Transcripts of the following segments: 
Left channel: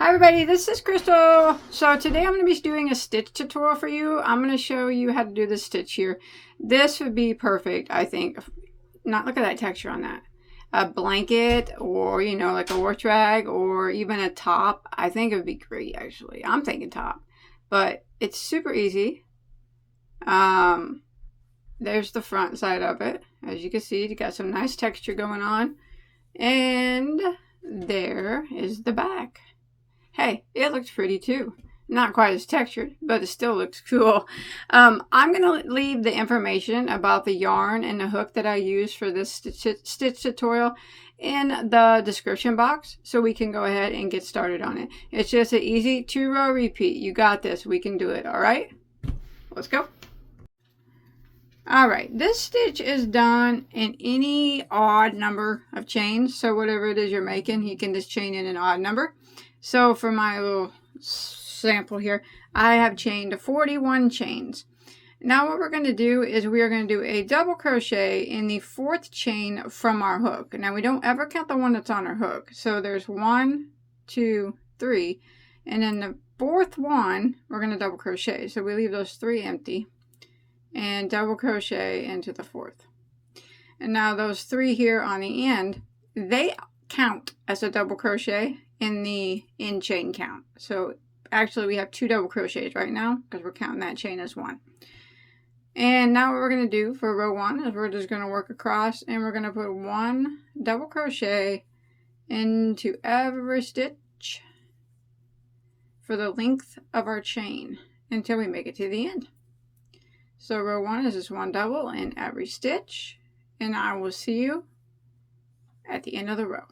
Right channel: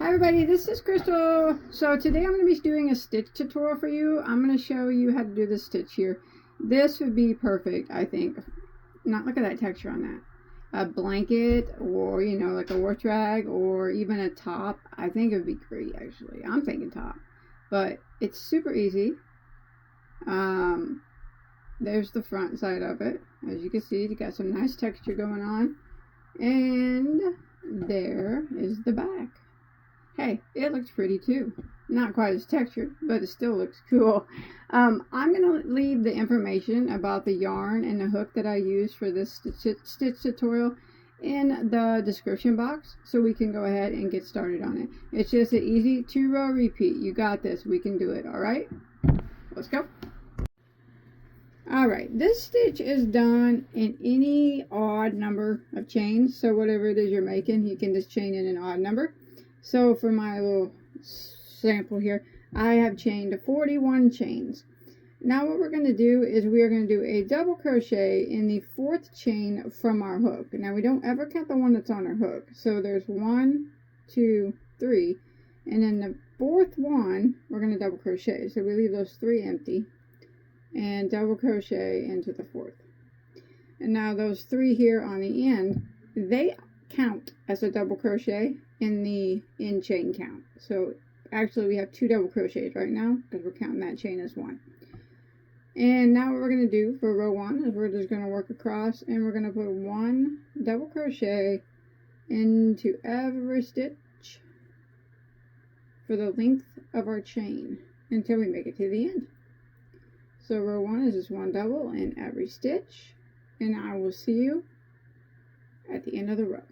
Hi everybody, this is Crystal. So today I'm going to be doing a stitch tutorial for you. I'm going to show you how to do this stitch here. This would be perfect, I think. Not look at that texture on that. A blanket, or you know, like a work rag, or even a top. I think it would be great actually. I'm thinking top. But it's super easy. There's the front side of it. As you can see, you got some nice texture going on. And there is the back. Hey, it looks pretty too. Not quite as textured, but it still looks cool. I'm going to leave the information about the yarn and the hook that I use for this stitch tutorial in the description box, so we can go ahead and get started on it. It's just an easy 2-row repeat. You got this. We can do it. All right? Let's go. All right, this stitch is done in any odd number of chains. So whatever it is you're making, you can just chain in an odd number. So for my little sample here, I have chained 41 chains. Now what we're going to do is we are going to do a double crochet in the 4th chain from our hook. Now we don't ever count the one that's on our hook. So there's 1, 2, 3, and then the 4th one we're going to double crochet. So we leave those 3 empty and double crochet into the 4th. And now those 3 here on the end, they count as a double crochet in the in chain count. So actually we have 2 double crochets right now because we're counting that chain as 1. And now what we're going to do for row 1 is we're just going to work across, and we're going to put 1 double crochet into every stitch for the length of our chain until we make it to the end. So row 1 is just 1 double in every stitch, and I will see you at the end of the row.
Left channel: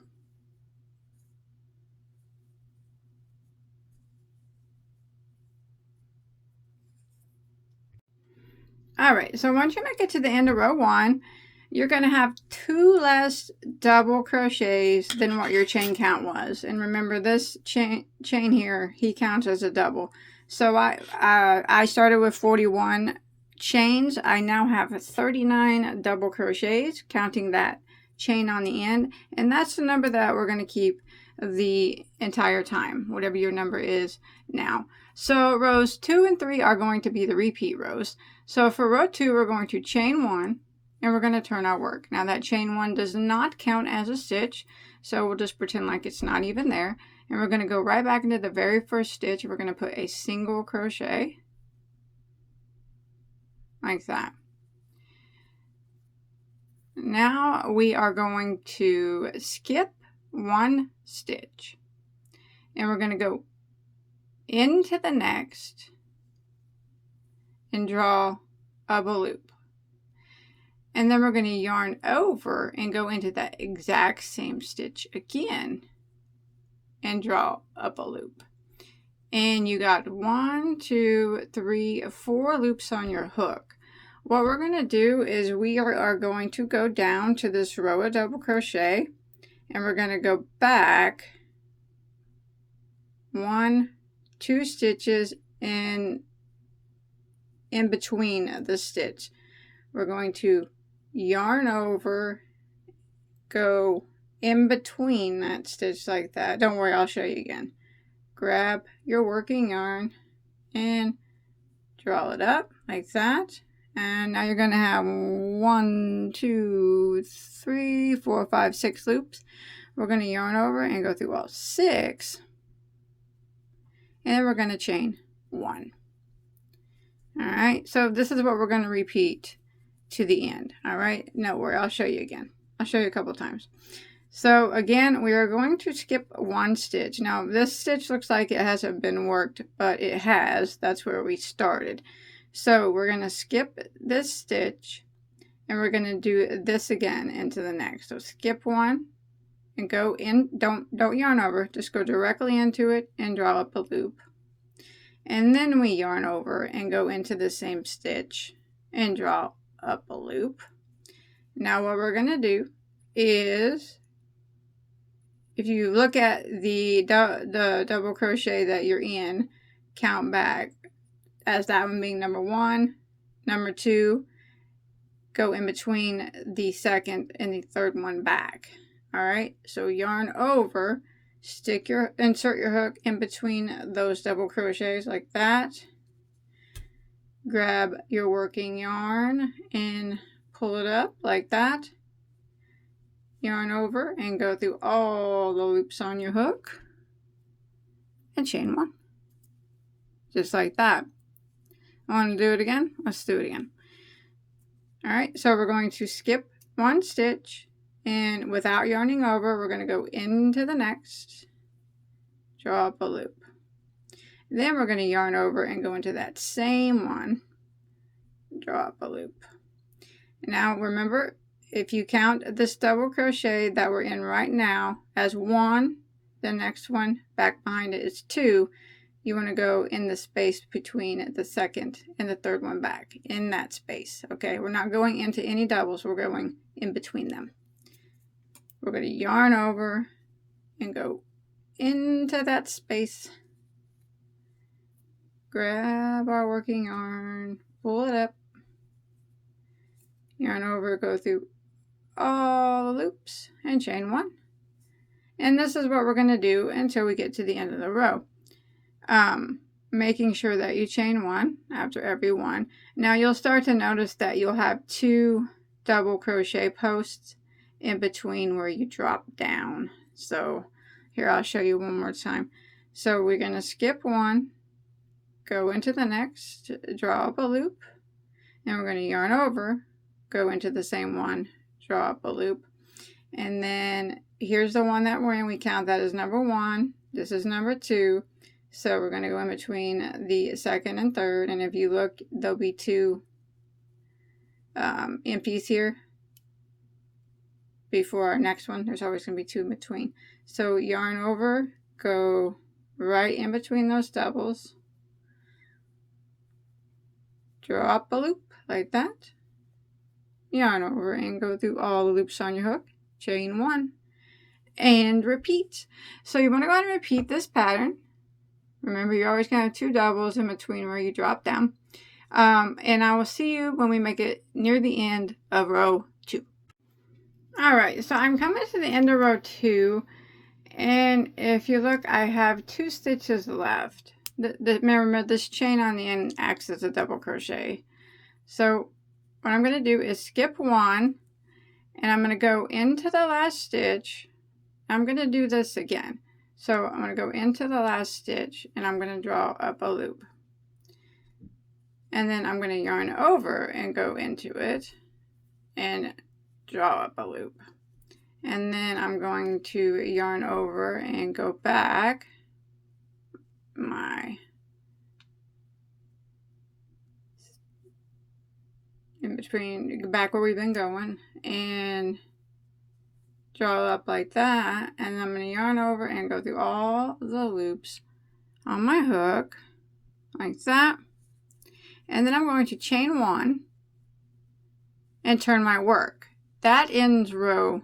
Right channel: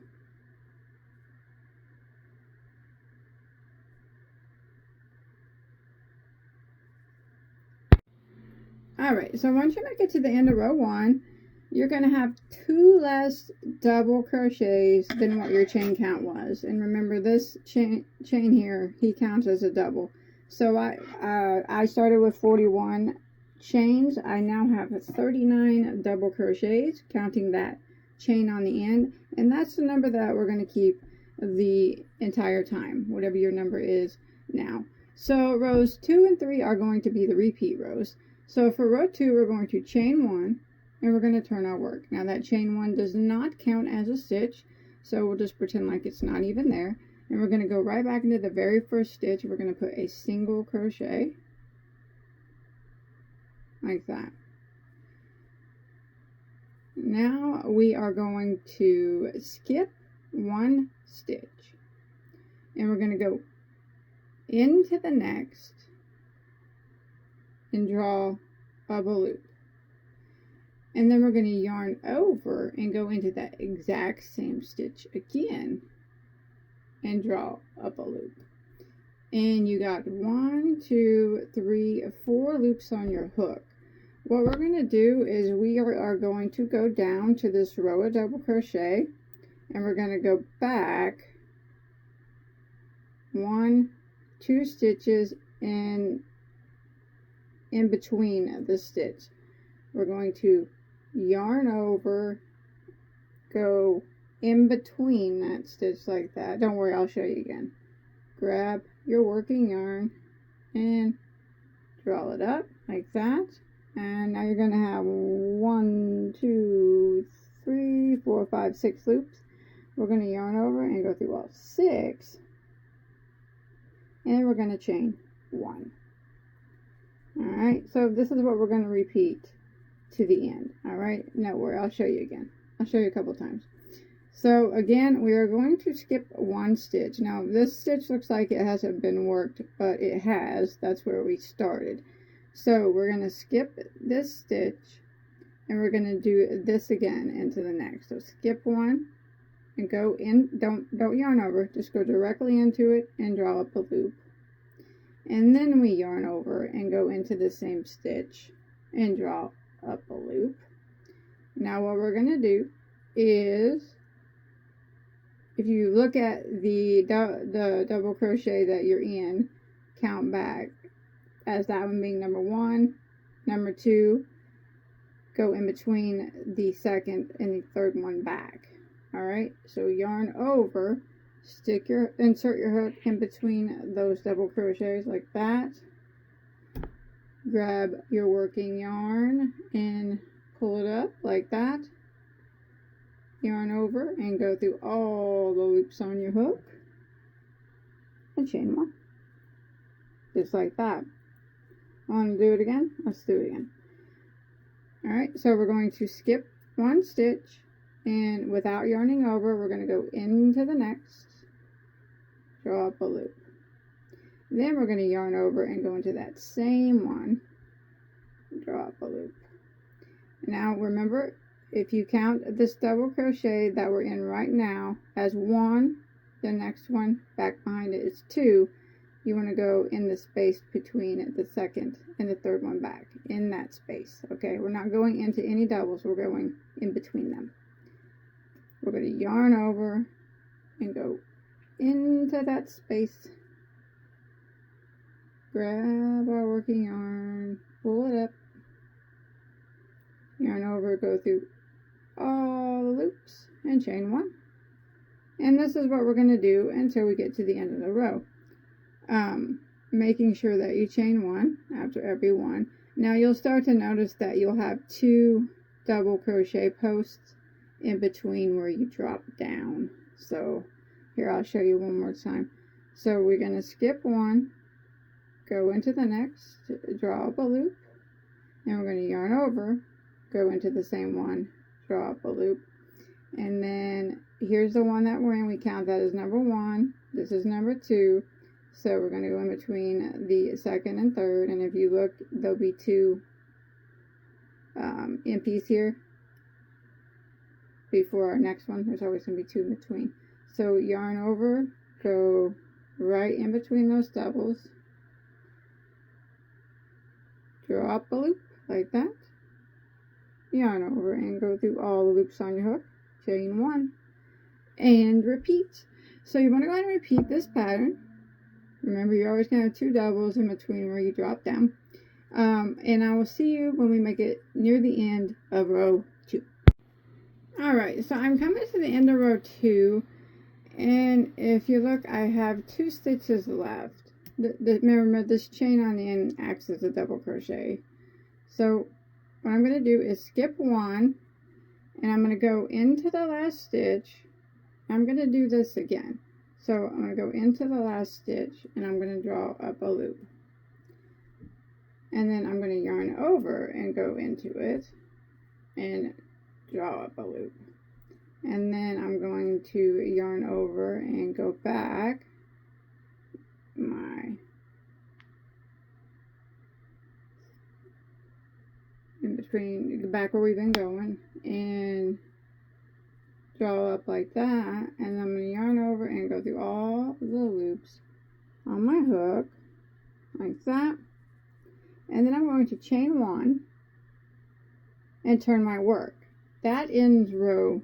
Alright, so once you make it to the end of row 1, you're going to have 2 less double crochets than what your chain count was. And remember, this chain here, he counts as a double. So I started with 41 chains. I now have 39 double crochets, counting that chain on the end. And that's the number that we're going to keep the entire time, whatever your number is now. So rows 2 and 3 are going to be the repeat rows. So for row 2, we're going to chain 1, and we're going to turn our work. Now that chain 1 does not count as a stitch, so we'll just pretend like it's not even there. And we're going to go right back into the very first stitch. We're going to put a single crochet, like that. Now we are going to skip 1 stitch, and we're going to go into the next and draw up a loop. And then we're going to yarn over and go into that exact same stitch again and draw up a loop. And you got 1, 2, 3, 4 loops on your hook. What we're going to do is we are going to go down to this row of double crochet, and we're going to go back 1, 2 stitches in between the stitch. We're going to yarn over, go in between that stitch like that. Don't worry, I'll show you again. Grab your working yarn and draw it up like that. And now you're going to have 1, 2, 3, 4, 5, 6 loops. We're going to yarn over and go through all 6. And then we're going to chain 1. Alright, so this is what we're going to repeat to the end. Alright, no worry, I'll show you again. I'll show you a couple times. So again, we are going to skip 1 stitch. Now this stitch looks like it hasn't been worked, but it has. That's where we started. So we're going to skip this stitch, and we're going to do this again into the next. So skip 1 and go in. Don't yarn over, just go directly into it and draw up a loop. And then we yarn over and go into the same stitch and draw up a loop. Now what we're going to do is, if you look at the double crochet that you're in, count back as that one being number 1, number 2, go in between the 2nd and the 3rd one back. Alright, so yarn over insert your hook in between those double crochets like that. Grab your working yarn and pull it up like that. Yarn over and go through all the loops on your hook and chain one. Just like that. Want to do it again? Let's do it again. Alright, so we're going to skip one stitch, and without yarning over, we're going to go into the next, draw up a loop. Then we're going to yarn over and go into that same one, draw up a loop. Now remember, if you count this double crochet that we're in right now as one, the next one back behind it is two, you want to go in the space between the second and the third one back, in that space. Okay, we're not going into any doubles, we're going in between them. We're going to yarn over and go into that space. Grab our working yarn, pull it up, yarn over, go through all the loops and chain one. And this is what we're going to do until we get to the end of the row. Making sure that you chain one after every one. Now you'll start to notice that you'll have two double crochet posts in between where you drop down. So here, I'll show you one more time. So we're going to skip one, go into the next, draw up a loop, and we're going to yarn over, go into the same one, draw up a loop, and then here's the one that we're in. We count that as number one. This is number two. So we're going to go in between the second and third, and if you look, there'll be two empties here before our next one. There's always going to be two in between. So yarn over, go right in between those doubles, draw up a loop like that, yarn over and go through all the loops on your hook, chain one, and repeat. So you want to go ahead and repeat this pattern. Remember, you're always going to have two doubles in between where you drop down. And I will see you when we make it near the end of row 2. Alright, so I'm coming to the end of row 2. And if you look, I have 2 stitches left. Remember, this chain on the end acts as a double crochet. So what I'm going to do is skip one. And I'm going to go into the last stitch. I'm going to do this again. So I'm going to go into the last stitch and I'm going to draw up a loop. And then I'm going to yarn over and go into it and draw up a loop. And then I'm going to yarn over and go back back where we've been going, and draw up like that, and I'm going to yarn over and go through all the loops on my hook like that, and then I'm going to chain one and turn my work. That ends row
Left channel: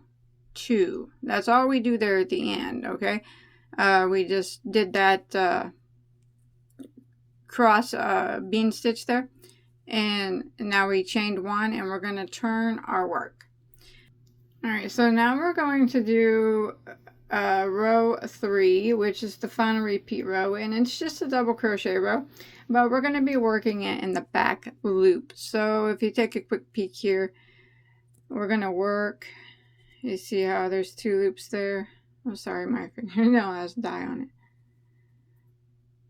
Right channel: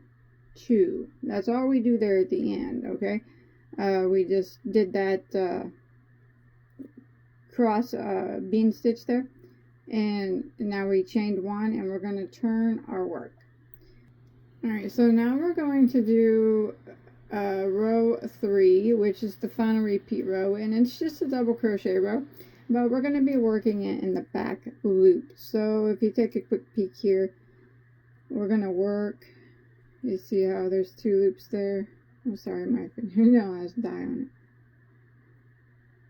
2. That's all we do there at the end. Okay, we just did that cross bean stitch there, and now we chained one, and we're going to turn our work. Alright, so now we're going to do row 3, which is the final repeat row, and it's just a double crochet row, but we're going to be working it in the back loop. So if you take a quick peek here, we're going to work, you see how there's 2 loops there? Oh, sorry, my fingernail has dye on it.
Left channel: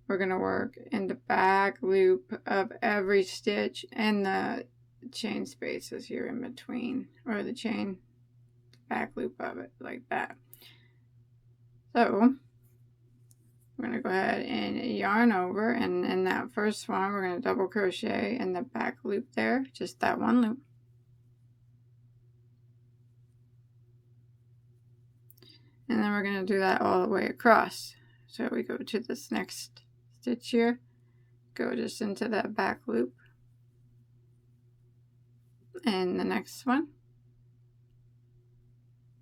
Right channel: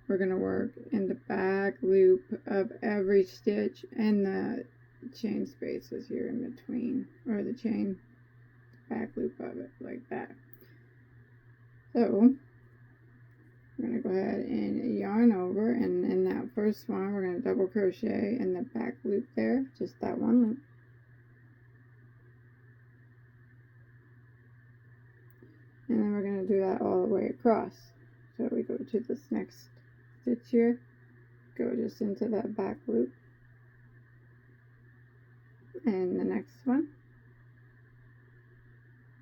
We're going to work in the back loop of every stitch and the chain spaces here in between, or the chain back loop of it like that. So we're going to go ahead and yarn over, and in that first one we're going to double crochet in the back loop there, just that one loop. And then we're going to do that all the way across. So we go to this next stitch here, go just into that back loop, and the next one,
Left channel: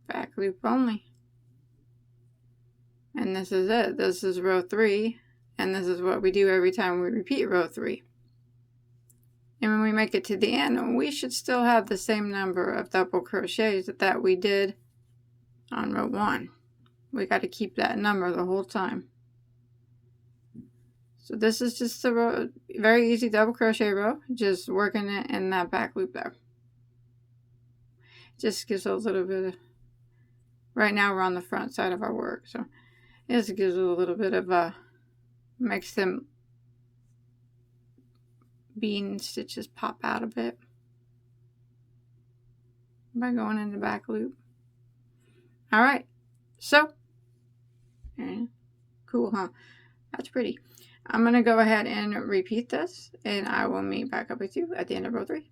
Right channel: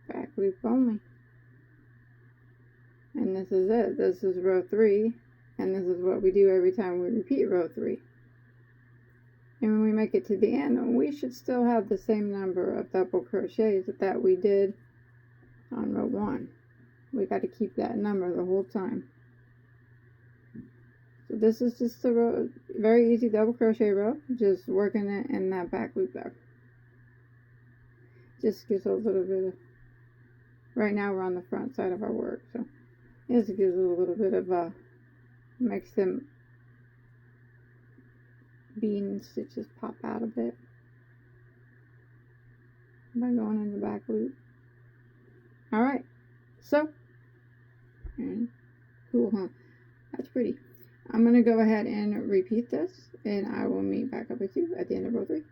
back loop only. And this is it. This is row 3, and this is what we do every time we repeat row 3. And when we make it to the end, we should still have the same number of double crochets that we did on row 1. we got to keep that number the whole time. So this is just a row, very easy double crochet row, just working it in that back loop there. Just gives a little bit of, right now we're on the front side of our work, so it just gives a little bit of a, makes them bean stitches pop out a bit by going in the back loop. All right, so cool, huh? That's pretty. I'm gonna go ahead and repeat this, and I will meet back up with you at the end of row 3.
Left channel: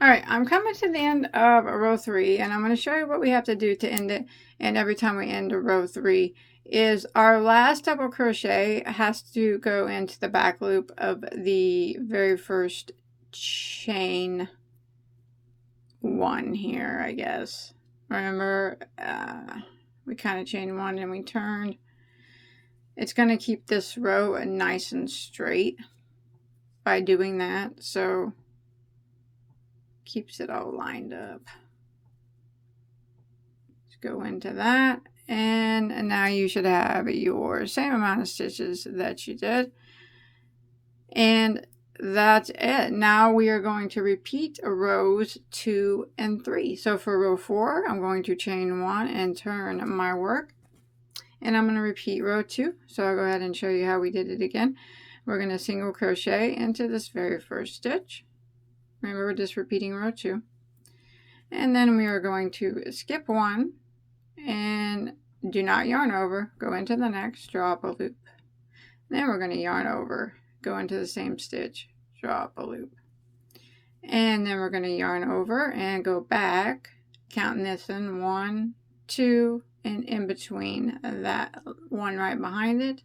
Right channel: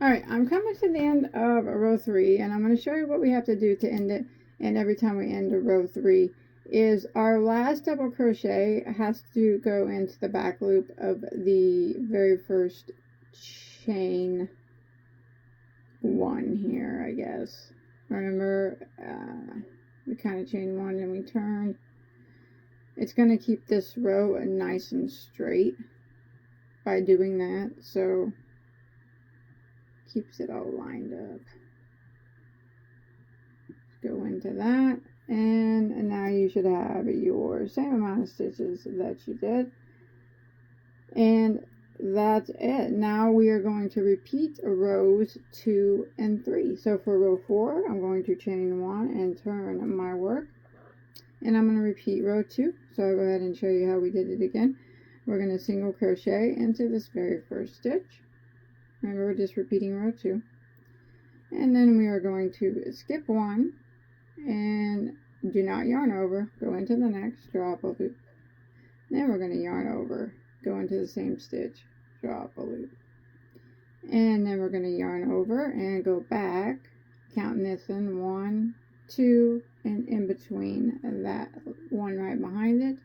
All right, I'm coming to the end of row 3, and I'm going to show you what we have to do to end it. And every time we end a row 3 is our last double crochet has to go into the back loop of the very first chain 1 here, I guess. Remember, we kind of chain 1 and we turned. It's going to keep this row nice and straight by doing that, so keeps it all lined up. Let's go into that, and now you should have your same amount of stitches that you did, and that's it. Now we are going to repeat rows 2 and 3. So for row 4, I'm going to chain 1 and turn my work, and I'm going to repeat row 2. So I'll go ahead and show you how we did it again. We're going to single crochet into this very first stitch. Remember, we're just repeating row 2. And then we are going to skip 1 and do not yarn over, go into the next, draw up a loop. Then we're going to yarn over, go into the same stitch, draw up a loop. And then we're going to yarn over and go back, counting this in 1, 2, and in between that one right behind it,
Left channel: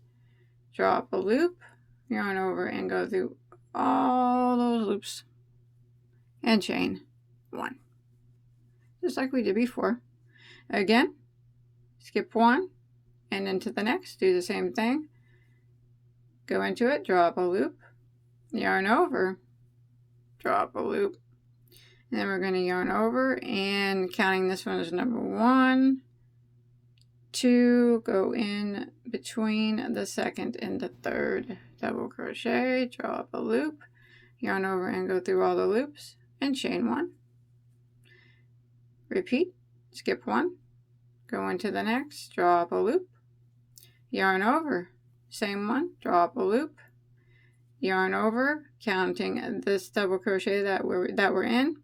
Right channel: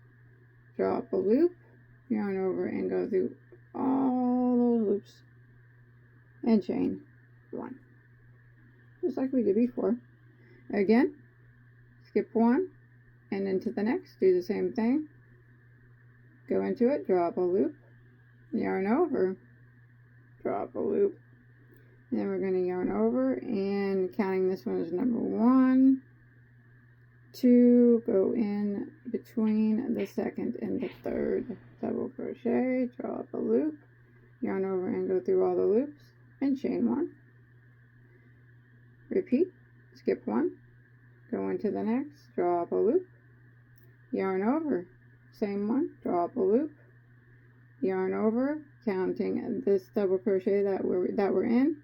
draw up a loop, yarn over and go through all those loops and chain 1, just like we did before. Again, skip 1 and into the next, do the same thing, go into it, draw up a loop, yarn over, draw up a loop, and then we're going to yarn over and counting this one as number 1, 2, go in between the second and the third double crochet, draw up a loop, yarn over and go through all the loops and chain 1. Repeat, skip 1, go into the next, draw up a loop, yarn over, same one, draw up a loop, yarn over, counting this double crochet that we're in,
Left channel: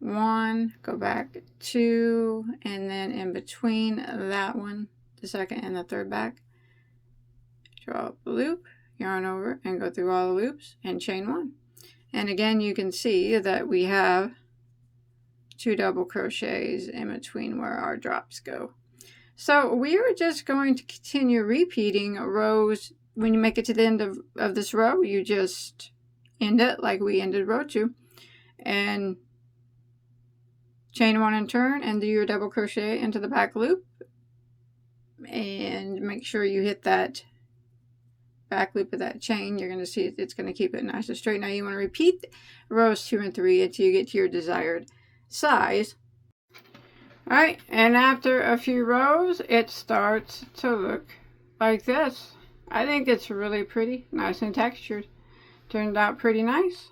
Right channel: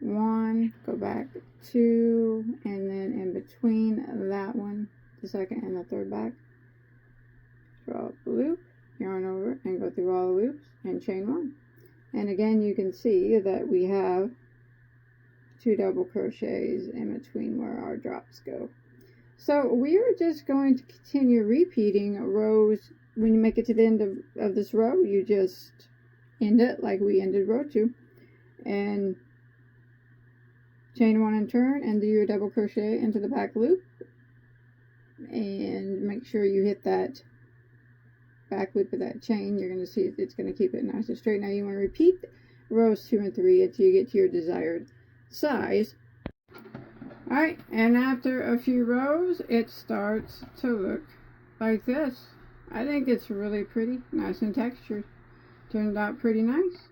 1, go back 2, and then in between that one, the second and the third back, draw up a loop, yarn over and go through all the loops and chain 1. And again, you can see that we have 2 double crochets in between where our drops go. So we are just going to continue repeating rows. When you make it to the end of this row, you just end it like we ended row 2 and chain 1 and turn and do your double crochet into the back loop, and make sure you hit that back loop of that chain. You're going to see it's going to keep it nice and straight. Now you want to repeat rows 2 and 3 until you get to your desired size. Alright, and after a few rows it starts to look like this. I think it's really pretty, nice and textured. Turned out pretty nice.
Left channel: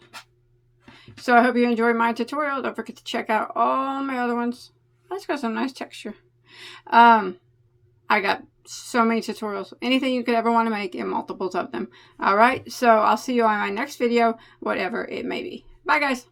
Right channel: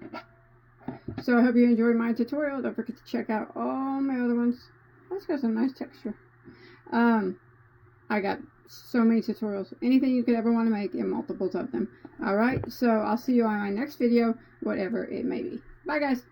So I hope you enjoyed my tutorial. Don't forget to check out all my other ones. That's got some nice texture. I got so many tutorials. Anything you could ever want to make, and multiples of them. Alright, so I'll see you on my next video, whatever it may be. Bye guys.